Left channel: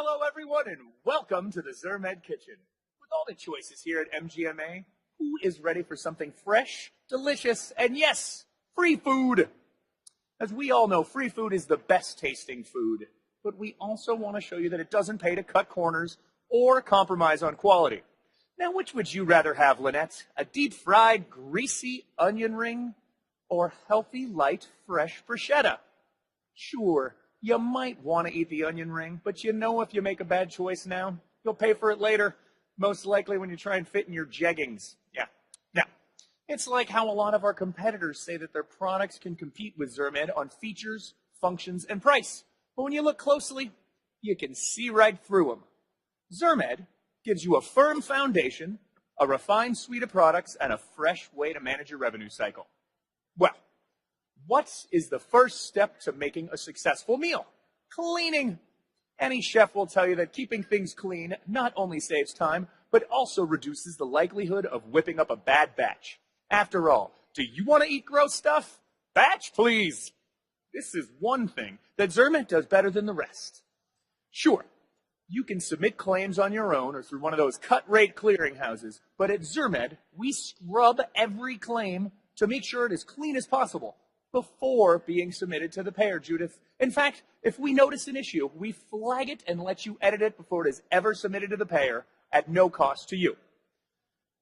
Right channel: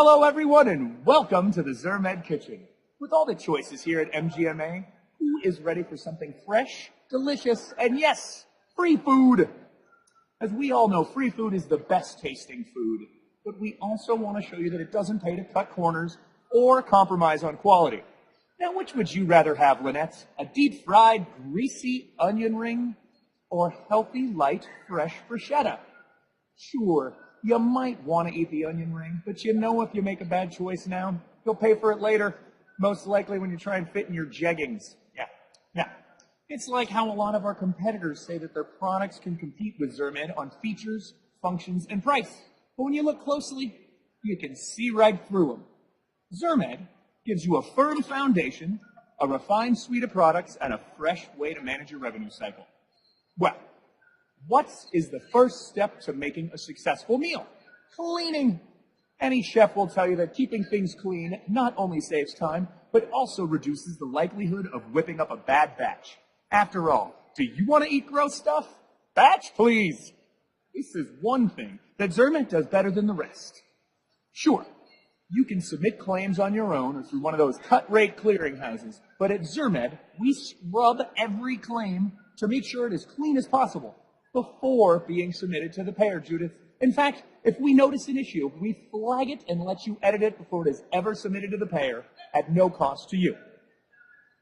Hello, everyone, and welcome to the Zirmed kitchen. With all the choices here at MGMA, who is ready for something fresh, delicious, and yes, free food? As we all know, free food is the best tasting food, but we also want to show you that it doesn't pay to cut corners or compromise on quality. Now, which would you rather have, Lynette? A deep-fried, greasy onion ring or healthy, light, fresh bruschetta? Sure, you might want to eat the onion ring, but you know if you make a bad choice now, you'll pay for it later, most likely when you try and fit in your jeggings. Yeah. Now, it's like how a lot of our competitors say that their products can compete with Zirmed on features, functions, and price. But when you look closely, you can see right through them. Zirmed gives you a firm foundation, a refined suite of products, and a fresh way to manage your revenue cycle. Well, what is the first step to making a successful meal? Cleaning. Any chef will tell you that keeping things clean not only saves time, but also reduces the likelihood of whipping up a bad batch. After all, do you want to eat gross stuff? Batch, please. This is one thing that Zirmed does better than the rest. Sure, you can submit claims on your own or through one of those cut-rate clearinghouses, but at Zirmed, we scrub every claim to make sure it is clean as possible before being submitted to the payer, Judith. In fact, if we notice an issue, we flag it and let you edit it before it is ever submitted to the payer at no cost to you.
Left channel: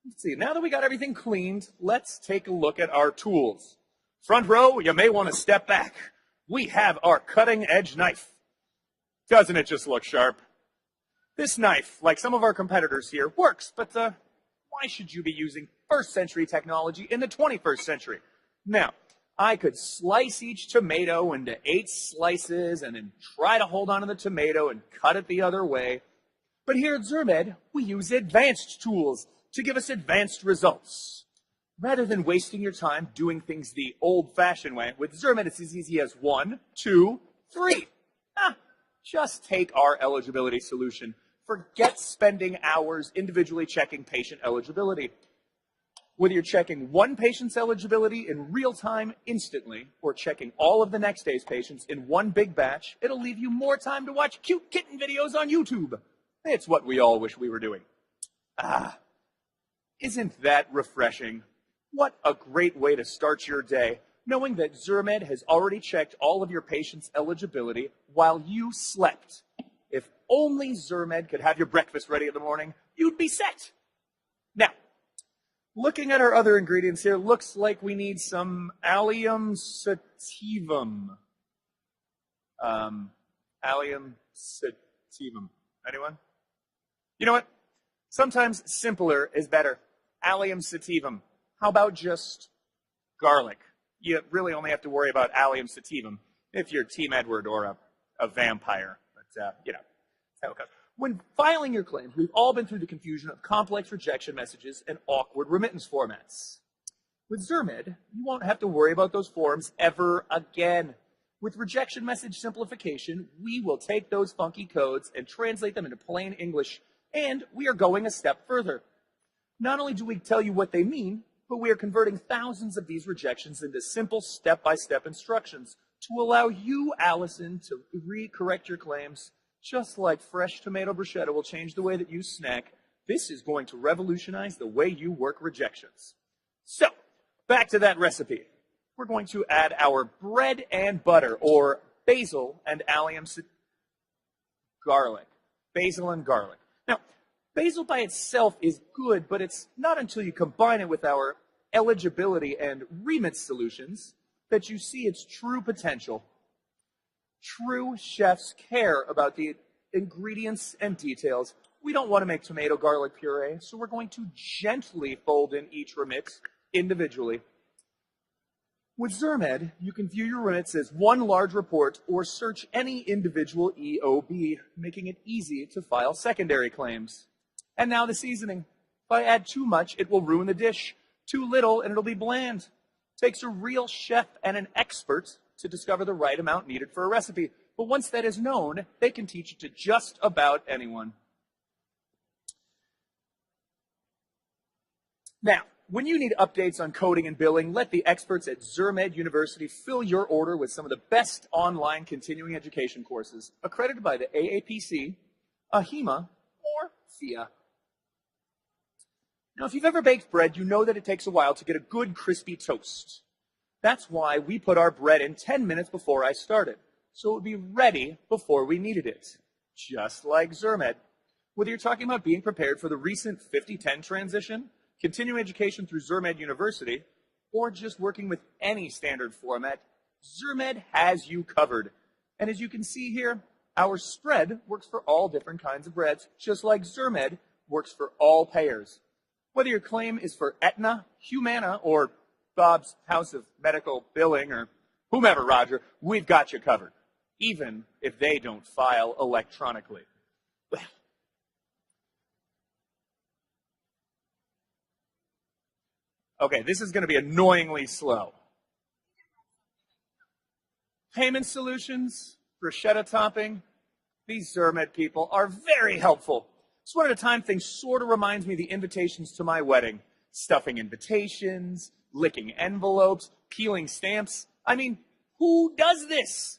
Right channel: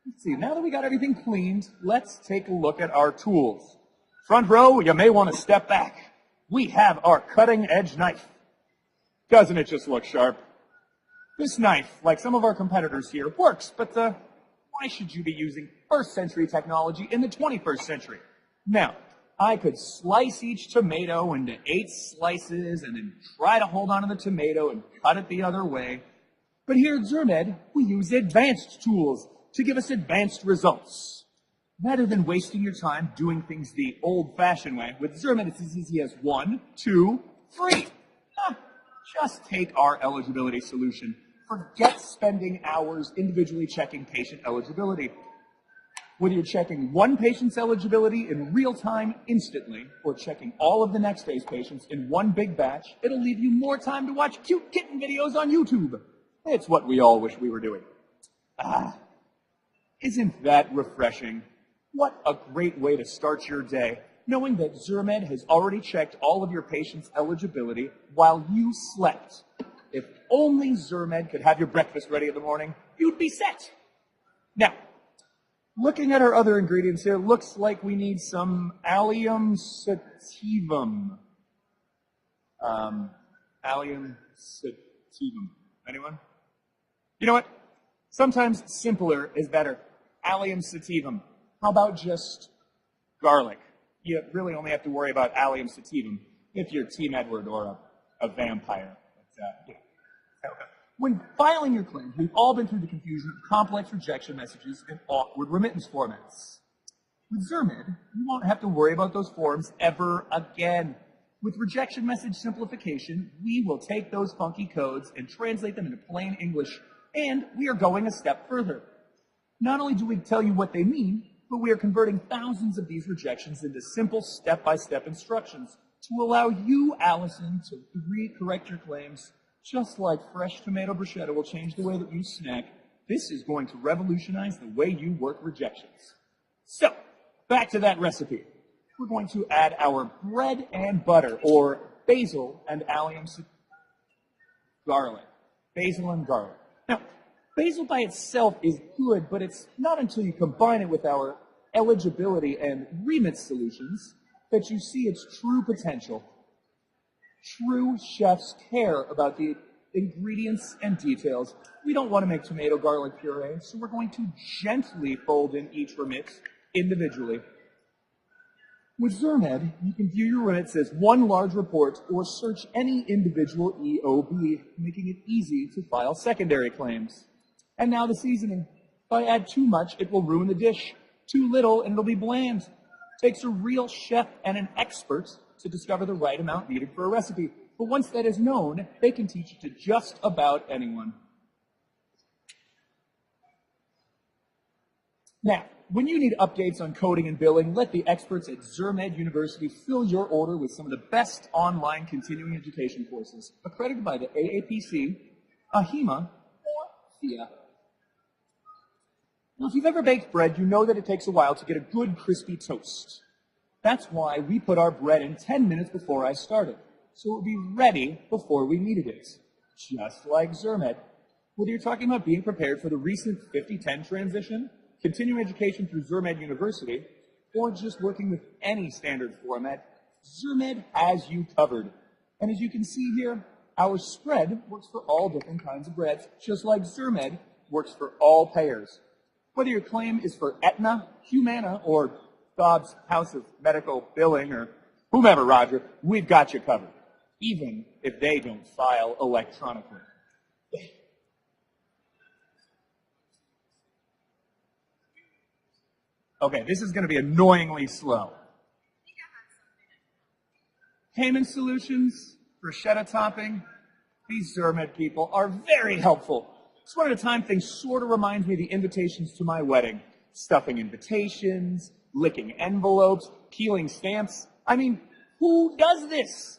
Let's see, now that we got everything cleaned, let's take a look at our tools. Front row, you may want to step back. We have our cutting-edge knife. Doesn't it just look sharp? This knife, like some of our competitors here, works, but why should you be using first-century technology in the 21st century? Now, I could slice each tomato into 8 slices and then try to hold on to the tomato and cut it the other way. But here at Zirmed, we use advanced tools to give us advanced results. Rather than wasting your time doing things the old-fashioned way, with Zirmed it's as easy as 1, 2, 3. Just take our eligibility solution. Forget spending hours individually checking patient eligibility. Whether you're checking one patient's eligibility in real time instantly or checking all of the next day's patients in one big batch, it'll leave you more time to watch cute kitten videos on YouTube. It's what we all wish we were doing. Isn't that refreshing? What a great way to start your day, knowing that Zirmed has already checked all of your patients' eligibility while you slept. If only Zirmed could have your breakfast ready in the morning, you'd be set. Now, looking at our other ingredients here, looks like we need some allium sativum. Allium sativum. Anyone? You know what? Sometimes simpler is better. Allium sativum. How about just garlic? You really only have to worry about allium sativum if you're Team Edward or a vampire. But, you know. When filing your claims, we've all been through the confusion of complex rejection messages and awkward remittance formats. With Zirmed, you won't have to worry about those forms ever again. With rejection message simplification, we will take those funky codes and translate them into plain English, and we are going a step further. Not only do we tell you what they mean, but we are converting thousands of these rejections into simple step-by-step instructions to allow you, Allison, to re-correct your claims. Just like fresh tomato bruschetta will change the way that you snack, this is going to revolutionize the way you work rejections. So, back to that recipe. We're going to add our bread and butter, or basil and allium garlic. Basil and garlic. Now, basil by itself is good, but it's not until you combine it with our eligibility and remit solutions that you see its true potential. True chefs care about the ingredients and details. We don't want to make tomato garlic puree, so we're going to gently fold in each remit individually. With Zirmed, you can view your remits as one large report or search any individual EOB, making it easy to file secondary claims. And now the seasoning. If I add too much, it will ruin the dish. Too little, and it'll be bland. Takes a real chef and an expert to discover the right amount needed for a recipe. But once that is known, they can teach it to just about anyone. Now, when you need updates on coding and billing, let the experts at Zirmed University fill your order with some of the best online continuing education courses accredited by the AAPC ahima, or thea. Now, if you've ever baked bread, you know that it takes a while to get a good crispy toast. That's why we put our bread in 10 minutes before I started, so it would be ready before we needed it. Just like Zirmed. Whether you're talking about being prepared for the recent 50-10 transition, continuing education through Zirmed University, or just working with any standard format, Zirmed has you covered. And as you can see here, our spread works for all different kinds of breads, just like Zirmed works for all payers. Whether your claim is for Aetna, Humana, or Bob's House of Medical Billing, or whomever, Roger, we've got you covered, even if they don't file electronically. Okay, this is going to be annoyingly slow. Payment solutions, bruschetta topping, these Zirmed people are very helpful. Just one at a time thing sort of reminds me of the invitations to my wedding. Stuffing invitations, licking envelopes, peeling stamps. I mean, who does this?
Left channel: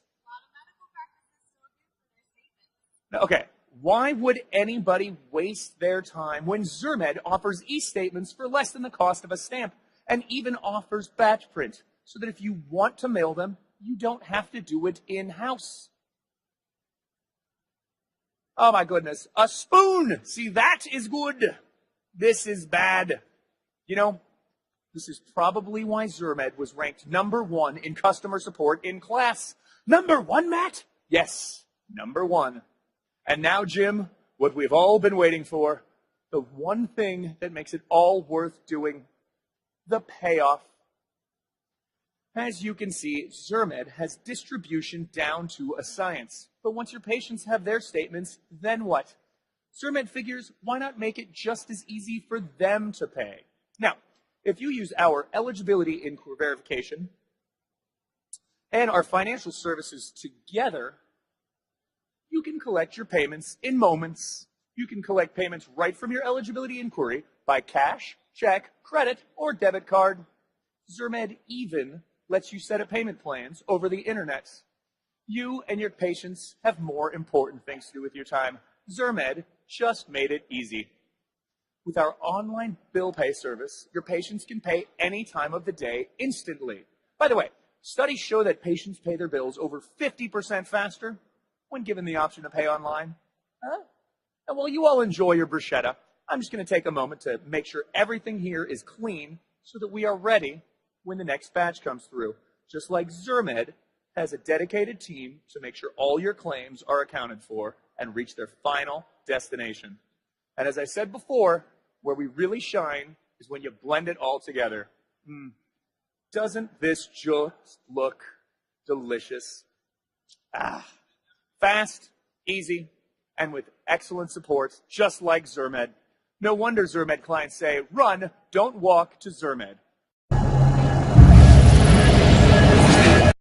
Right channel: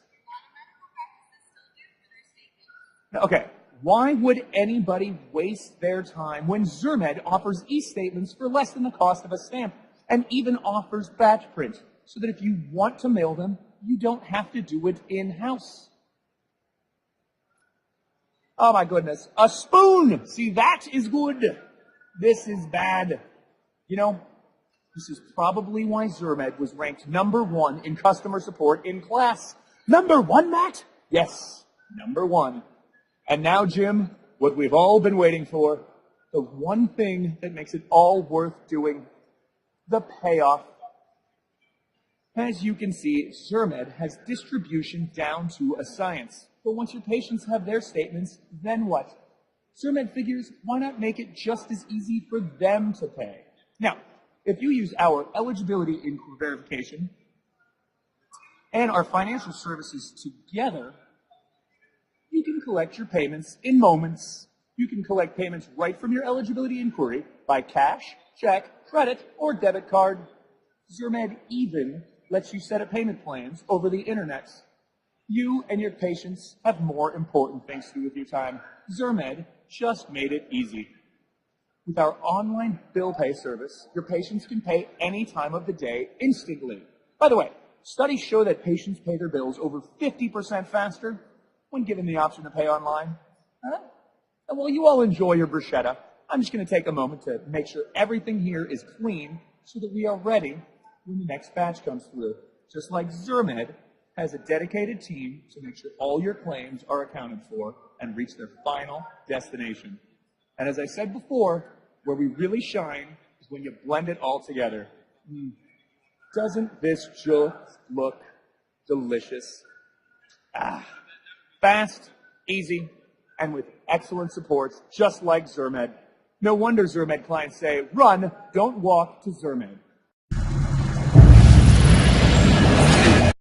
Okay, why would anybody waste their time when Zirmed offers e-statements for less than the cost of a stamp and even offers batch print so that if you want to mail them, you don't have to do it in-house? Oh my goodness, a spoon! See, that is good. This is bad. You know, this is probably why Zirmed was ranked #1 in customer support in class. #1, Matt? Yes, #1. And now, Jim, what we've all been waiting for, the one thing that makes it all worth doing, the payoff. As you can see, Zirmed has distribution down to a science. But once your patients have their statements, then what? Zirmed figures, why not make it just as easy for them to pay? Now, if you use our eligibility inquiry verification and our financial services together, you can collect your payments in moments. You can collect payments right from your eligibility inquiry by cash, check, credit, or debit card. Zirmed even lets you set up payment plans over the internet. You and your patients have more important things to do with your time. Zirmed just made it easy. With our online bill pay service, your patients can pay any time of the day instantly. By the way, studies show that patients pay their bills over 50% faster when given the option to pay online. Well, you all enjoy your bruschetta. I'm just going to take a moment to make sure everything here is clean so that we are ready when the next batch comes through. Just like Zirmed has a dedicated team to make sure all your claims are accounted for and reach their final destination. And as I said before, where we really shine is when you blend it all together. Doesn't this just look delicious? Fast, easy, and with excellent support, just like Zirmed. No wonder Zirmed clients say, run, don't walk to Zirmed.